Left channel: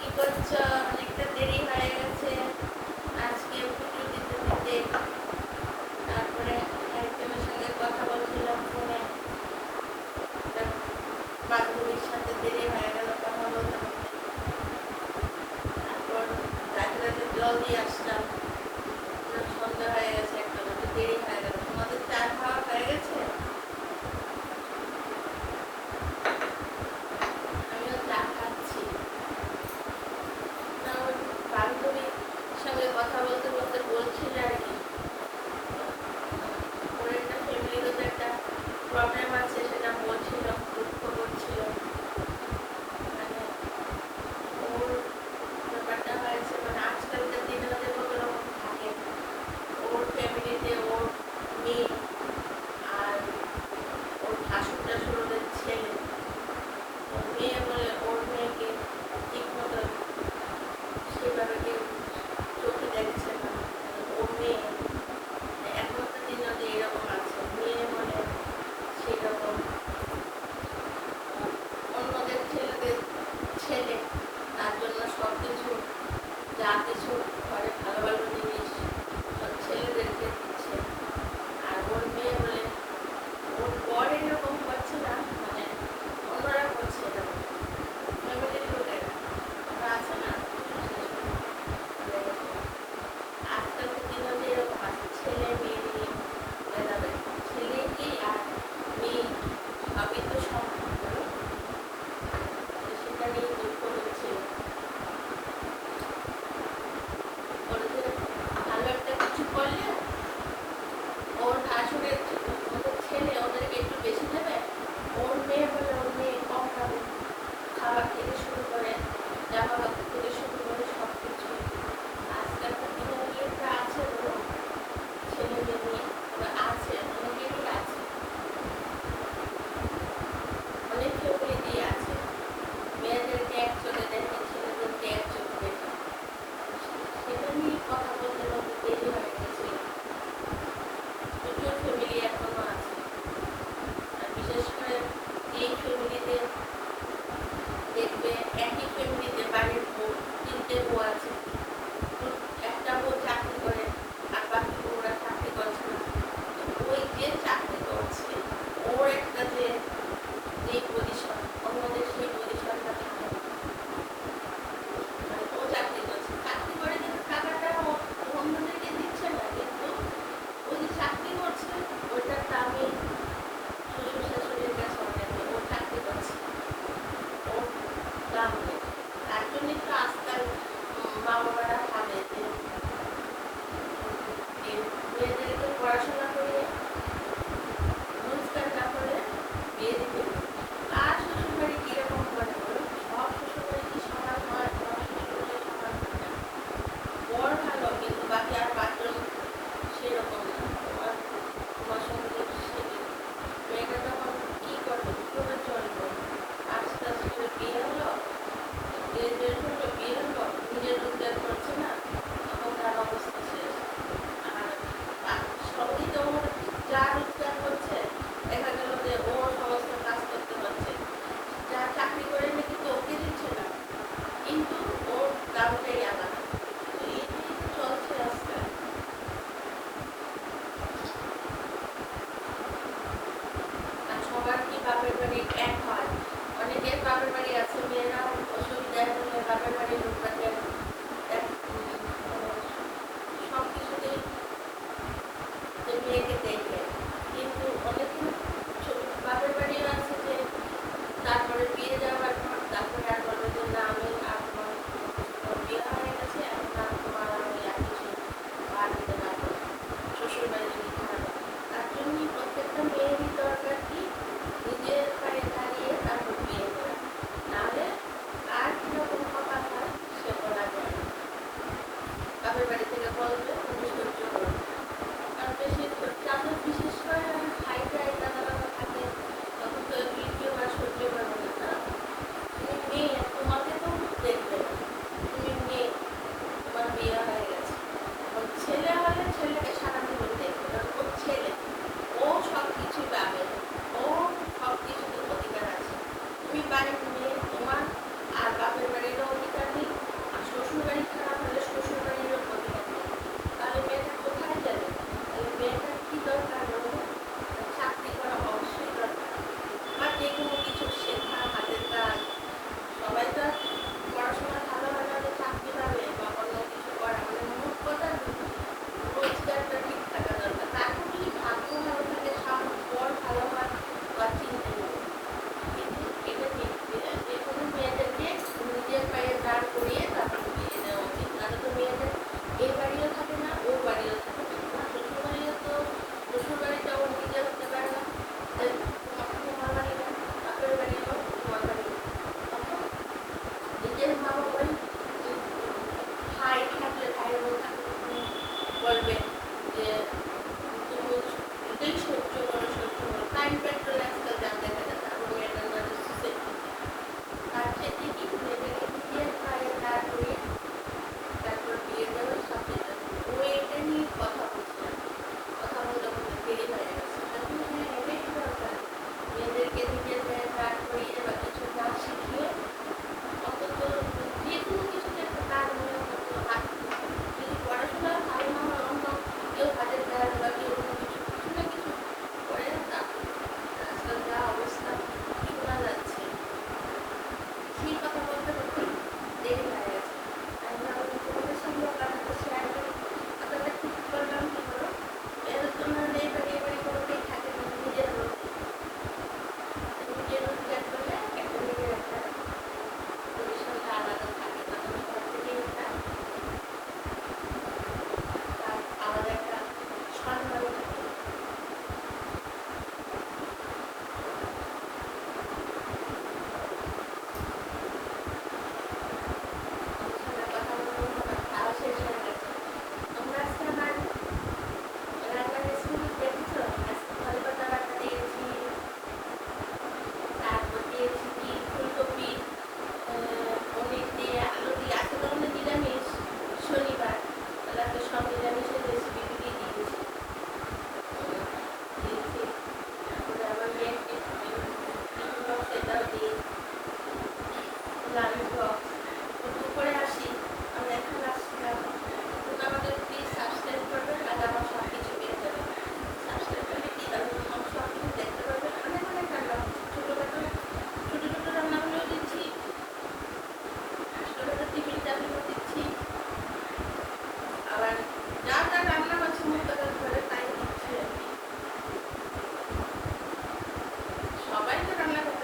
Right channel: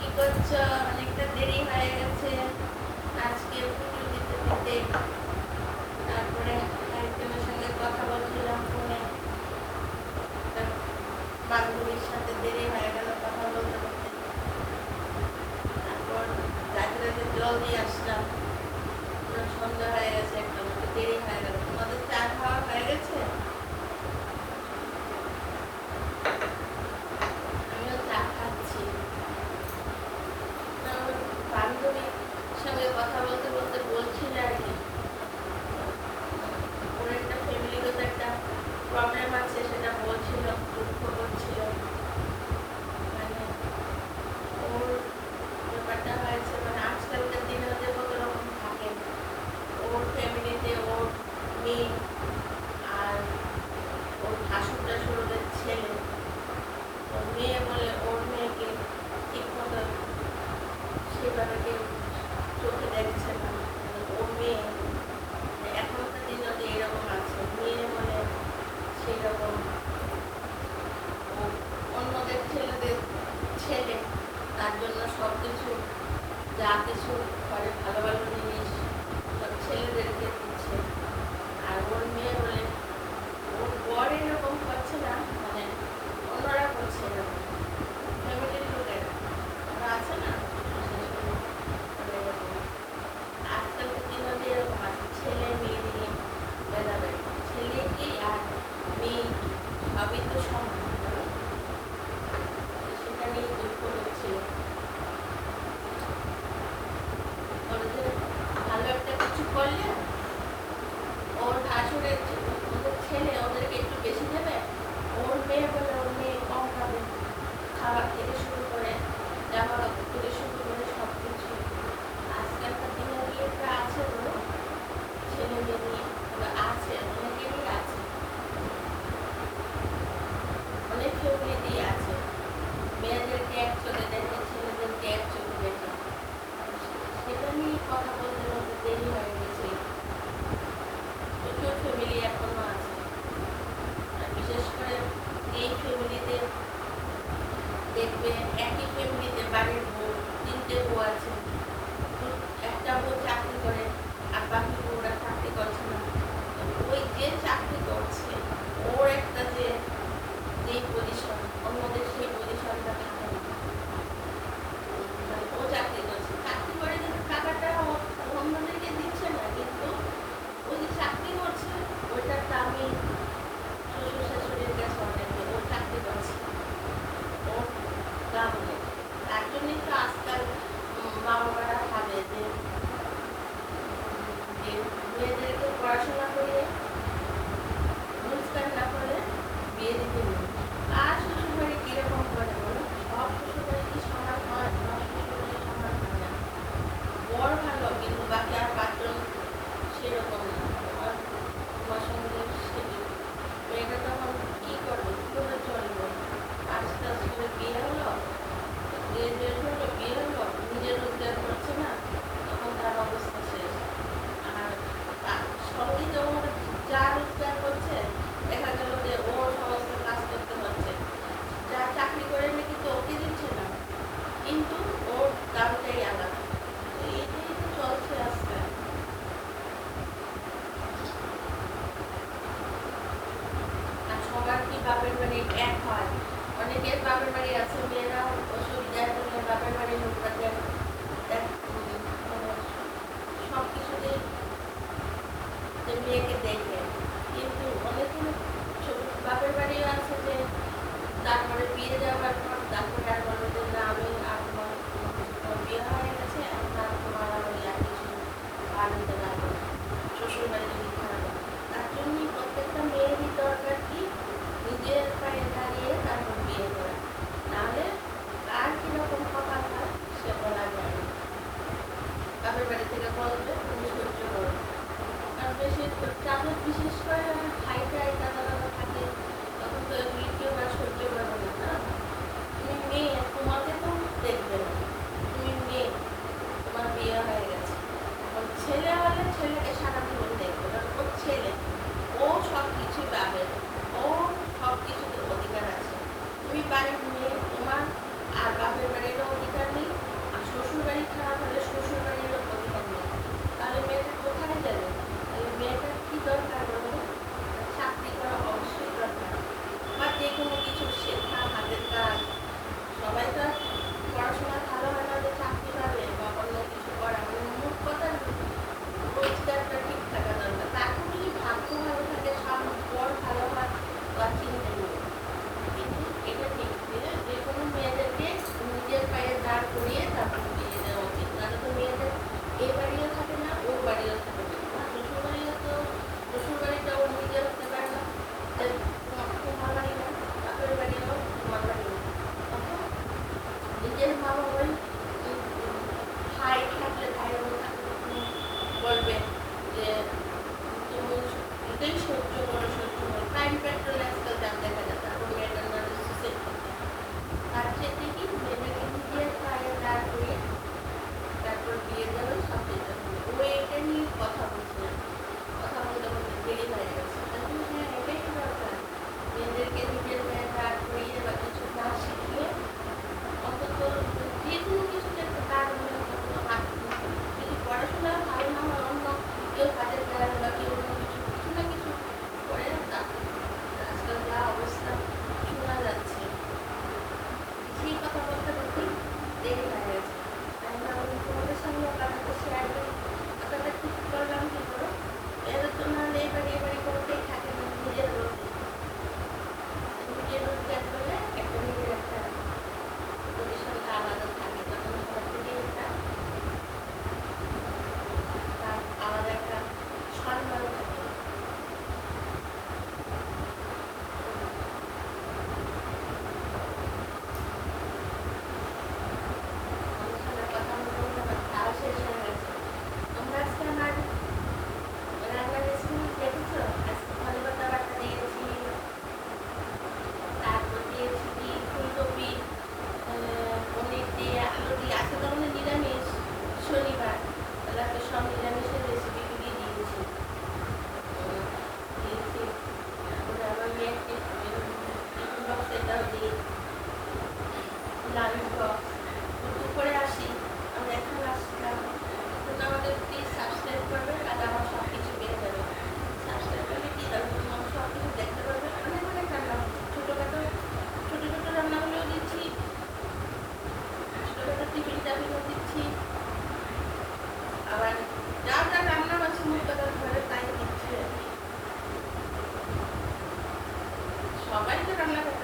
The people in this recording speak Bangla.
কি করছো? অনেকটা দেরি হয়ে গেছে আজকে পুজো দিতে দিতে। তারপরে একজনের সঙ্গে কথা বলছিলাম ফোনে, একটা বান্ধবীর সাথে দেরি হয়ে গেল কথা বলতে বলতে। তারপর গাছে জল দিয়ে আসলাম, পুরো সন্ধ্যা হয়ে গেছে, একদম একটু দেরি হয়ে গেল। তোমাদের চা খাওয়া হয়ে গেছে? আমিও চা খাচ্ছি। আমার বান্ধবীর সঙ্গে কথা বলতে বলতে বলছিল আর কি, ওর একটা ফ্যামিলিগত একটা প্রবলেম আছে, সেটা বলছিল, দুঃখ করছিল। মানে ওর ব্যাপারটা হয়েছে, মানে আজকালকার দিনে ওদের কত রকম থাকে। ওর ফ্যামিলিতে ওর মেয়ে আর ওর ভাসুর টাসুর ওদের ছেলে, ওর মেয়ে বলে ওর মেয়েকে ঠিক মতো সেভাবে কেউ চোখে দেখছে না। মানে ওর মেয়ে এখনকার দিনে ওদের এরকম আছে, মেয়ে বলে সেই রকম অন্যদের ছেলেদের ছেলে, তার জন্য সব কিছু, যা কিছু ঘরে ভালো ভালো জিনিস সব ছেলেদেরকে দিচ্ছে। আর ওর মেয়ে বলে ওর বর এরকম করছে না, মানে অন্যরা করছে এরকম, ফ্যামিলির লোকেরা ওরা আছে না, এরকম। আজকালকার দিনে যে এরকম আছে, ছেলে মেয়ে নিয়ে ভেদাভেদ, ছেলে কি আর মেয়ে সবই তো সমান, বলো? সেটা নিয়ে দুঃখ করছিল। ভালো একটা কিছু করলেও ওর ভাসুরের ওদের ছেলে ওদেরকে একটু বেশি দেবে, ওর মেয়ে বলে ওর মেয়ে কম খাবে। খাবার থেকে শুরু করে জামা কাপড় থেকে শুরু করে সব কিছু। আজকালকার দিনে একটা আছে, বলো, ছেলে মেয়ে নিয়ে এবার আছে, অনেকেরই আছে, অনেক ফ্যামিলিতেই আছে। মেয়েদেরকে এক চোখে দেখে, ছেলেদেরকে এক চোখে দেখে। সেটা নিয়ে কথা বলতে বলতে দেরি হয়ে গেছিল। প্রচুর ফ্যামিলি এখনো আছে, আর বিশেষ করে এই ফ্যামিলিতে দেখবে, একই ফ্যামিলিতে বাড়ির বউ, তিনটে বউ আছে, একটা বউ চাকরি করে আর বাকি বউরা চাকরি করছে না। ওই যে চাকরি করছে ওর একটা যে পজিশন, অন্যদের সেই পজিশনটা থাকে না। মানে ও চাকরি করছে, চাকরি করে টাকাটা অন্যদেরকে দিচ্ছে না, কিন্তু ওই যে চাকরি করছে ওইটার দামে শ্বশুর শাশুড়ির কাছে অনেক, ওর চাকরি করছে ওর দাম নেই। তার জন্যই তো আজকাল মা বাবারা ভাবে যে মেয়েদেরকে পড়াশোনা করিয়ে রোজগার না করে বিয়ে দিতে নেই। আর শ্বশুর বাড়ি কিরকম করে বলো? সব শ্বশুর বাড়ি কি সমান হয়? সব শ্বশুর বাড়ি সমান হয় না। বড় ভালো, কিন্তু বাকি আর পাঁচজন সেরকম না। তোমার সঙ্গে মেয়েটা তখন কি করবে, কি করে চলবে? আস্তে আস্তে বিয়ে হলো, গ্রাজুয়েট হলো, বিয়ে হলো, নিজের রোজগার করছে না, তখন তার অবস্থা শেষ। আর সবই তো যা রোজগার করছে, দেখা গেল যে ওর সমস্ত কাজ করতে হচ্ছে, যা চাকরি করে নাকি তো ওকে দিচ্ছে না, কিন্তু ওর দামটাই আলাদা। এই চলছে আজকাল। আর সবার কি বাপের বাড়ি এক হয়? অনেকের বাপের বাড়ি আছে, মেয়েরা অসুবিধায় হলে বাপের বাড়ির লোকটাকে সব কিছুতেই মেয়েকে দেখে, কিন্তু অনেকে বাপের বাড়িও আছে যে তারপরে বিয়ে দেওয়ার পর তারপরে আর বলবো যে না, আমি আর তোমার বিয়ে হয়ে গেছে, এখন আর তোমার আমি আর কিছু আর দিতে পারবো না, শ্বশুর বাড়ি যদি খারাপ। তার জন্যই প্রত্যেকটা মেয়েরই দরকার কি নিজের পায়ে দাঁড়িয়ে তারপর বিয়ে করা, নাহলে আর কিরকম কপাল হয় সে বলা চিন্তা নেই। কিন্তু এটা ঠিক যে কোনো মেয়েদেরকে নিজের পায়ে দাঁড় করিয়ে তারপর বিয়ে দেওয়া উচিত। তাহলে তো মেয়েদের এই বাড়িও থাকে না, ওর বাড়িও থাকে না। আমার শ্বশুর বাড়িও তো, শ্বশুর বাড়িটা ওর নিজের হতে পারে না, তোমার বাড়ি না, বাপের বাড়িও তোমার বাড়ি না। তখন নিজের মা বাবাই ভাই থাকলে ভাইয়ের বলবে যে তুমি এটাই সহ্য করো, সহ্য করো। টাইম পেট্রোল আজকাল দাম দেখা যায়, তারপর মেয়েদের সুইসাইড করতে। তার চেয়ে কি মেয়েদেরকে নিজের পায়ে দাঁড় করিয়ে তারপর বিয়ে দেওয়া সব চিন্তা করবে। ও এটা নিয়ে কথা বলছিলাম, কথা বলতে বলতে দেরি হয়ে গেছে। তখন হ্যাঁ এটাই তো দরকার, মেয়েদেরকে নিজের পায়ে দাঁড় করিয়ে বা কিছু না শিখিয়ে অন্তত যে কোনো কিছুতে একটা কাজ মনে করতে হাত, যদি পড়াশোনা ভালো না হয় অন্য কেউ হাতের কাজ বা কেউ অন্য কিছু কিছু না কিছু করে। তারপর আজকাল যা অবস্থা শোনা যাচ্ছে, সেই কথা বলতে বলতে দেরি হয়ে গেছে। আমি ভাবলাম তোমাদের সঙ্গে কথাটা শেয়ার করি। কথাটা ঠিক করলাম কি হলো, এর তোমরা এই বাড়ি করতেই থাকে না, নিজের রোড ত্যাগ করলে একটা নিজের একটা পরিসরটা আলাদা থাকে। তখন সব থেকে একটা তার আলাদা একটা সম্মান থাকে। আমার সঙ্গে কথা বলতে বলতে আমার খাওয়া শেষ হয়ে গেছে। তোমরা আজকে আমার রান্নার রেসিপি দেখেছো? আজকে ধনে পাতা বাটা দিয়েছি, তারপর দিয়েছি কি ফুলকপি, পনির দিয়ে, আলু দিয়ে। আজকে তো আমাদের নিরামিষ, শনিবার, তাহলে আজকে সব নিরামিষের রেসিপি দিয়ে দিয়েছি। দিয়েছি তারপরে আমার মেয়েকে টিফিন বক্স এটাও দিই, লাঞ্চ বক্স। দুপুরে আসি, আমি এখন আসলাম। তো আমাদের প্লিজ সাবস্ক্রাইব করবেন, আর আমার সব কিছু পেয়ে যাবে। সাবস্ক্রাইব করলে কি তাহলে তোমার সব কিছু দেখতে পারবে। অনেক অনেক রান্না ছোটোখাটো ছোটো রান্নাগুলোও দিচ্ছি, ছোটোখাটো টিফিন টাফিনও দিচ্ছি, আবার যা যা রান্না আছে মূল কথা ঘরে তাই দিচ্ছি আর কি। সবাই তো রান্না করতে